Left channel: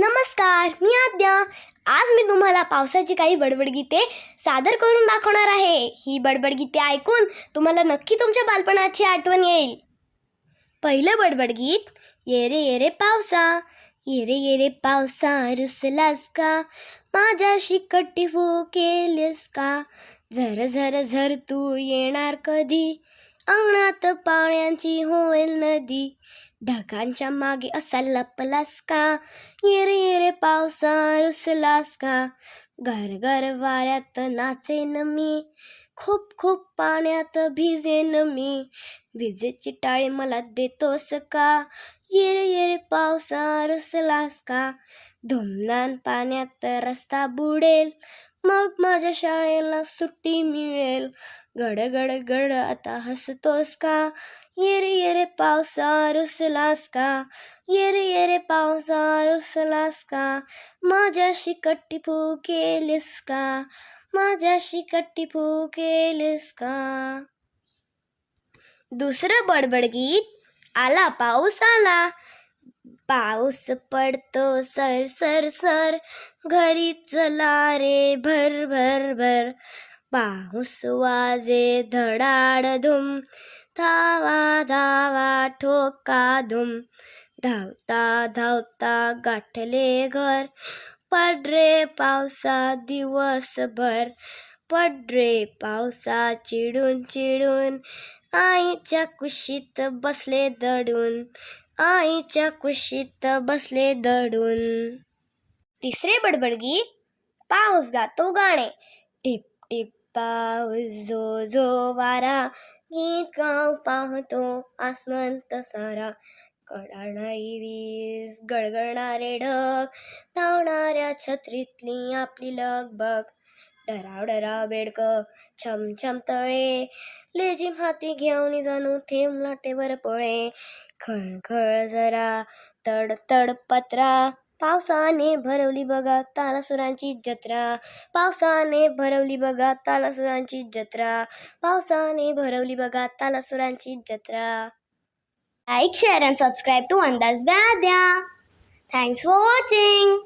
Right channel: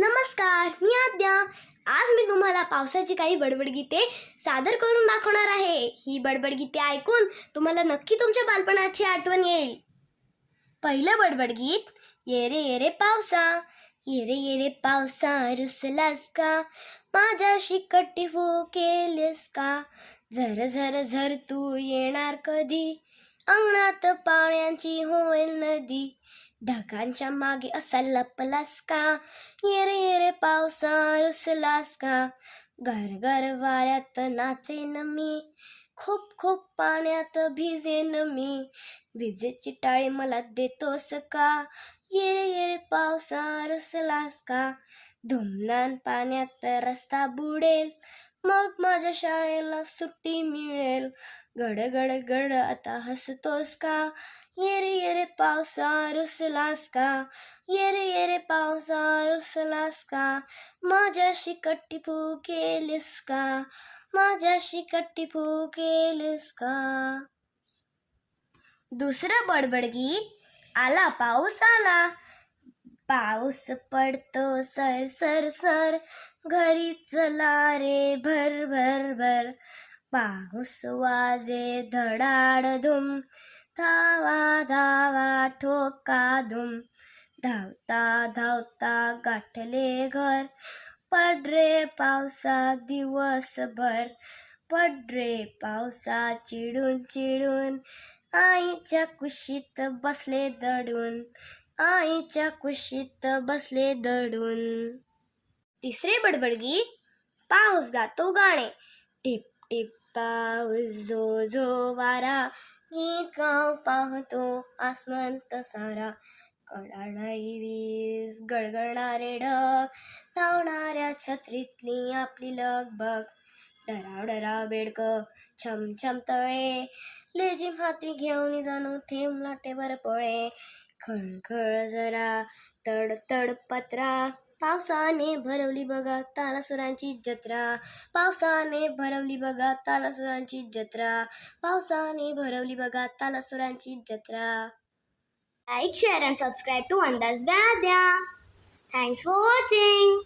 नमस्कार मी आद्या. आज मी तुम्हाला पावसाची काही बडबड गीते सादर करून दाखवणार आहे. ही बडबड गीते ऐकून तुम्हाला नक्की तुमच्या बालपणाची आठवण येईल. पहिलं बडबड गीत ये रे ये रे पावसा ये रे ये रे पावसा रुसलास का? माझ्याशी कट्टी केलीस का? झर झर झर तू येणार कधी? अंगणात पाण्याची होईल नदी. ढगांच्या मागे असा लपलास का? येरे येरे पावसा रुसलास का? घर घर वाऱ्यात नाचेन मी. खूप खूप पाण्यात भिजेन मी. विजेची टाळी मला देतोस का? येरे येरे पावसा रुसलास का? धुमदान पाण्यात रस्ता बुडेल. मग माझ्या शाळेला सुट्टी मिळेल. गड गड गड आता हसतोस का? ये रे ये रे पावसा रुसलास का? ये रे ये रे पावसा रुसलास का? माझ्याशी कट्टी केलीस का? माझ्याशी कट्टी केलीस का? दुसरं बडबड गीत, आला पाऊस आला. पाऊस पडतो सर सर सर. घरी चला रे भर भर भर. पाऊस वाजे धडाड धुम. धावा धावा ठोका धुम. धावता धावता गाठले घर. पडरे पावसा दिवसभर. पडरे पावसा चिडून चिडून. आईच्या कुशीत बसले दडून. आईच्या कुशीत बसले दडून. तिसरे बडबड गीत पाऊस गातो गाणे. टिप टिप पाऊस जो जो वारा. गीत गाव पाहतो आसमंत सारा. कडाणारी वीज गळगळणारे ढग धावणाऱ्या छत्रीतली आपली लगबग. डराव डराव बेडक छम छम तळे. लेजिम हाती घेऊन जाणू थेंब लाटेवर पळे. खळखळ जरा तडतड पत्रा. पावसाने भरवली बघा तालासुरांची जत्रा. पावसाने भरवली बघा तालासुरांची जत्रा. पावसाने भरवली बघा तालासुरांची जत्रा. Like share and subscribe to अंदाज व्याद्या थँक्स फॉर वॉचिंग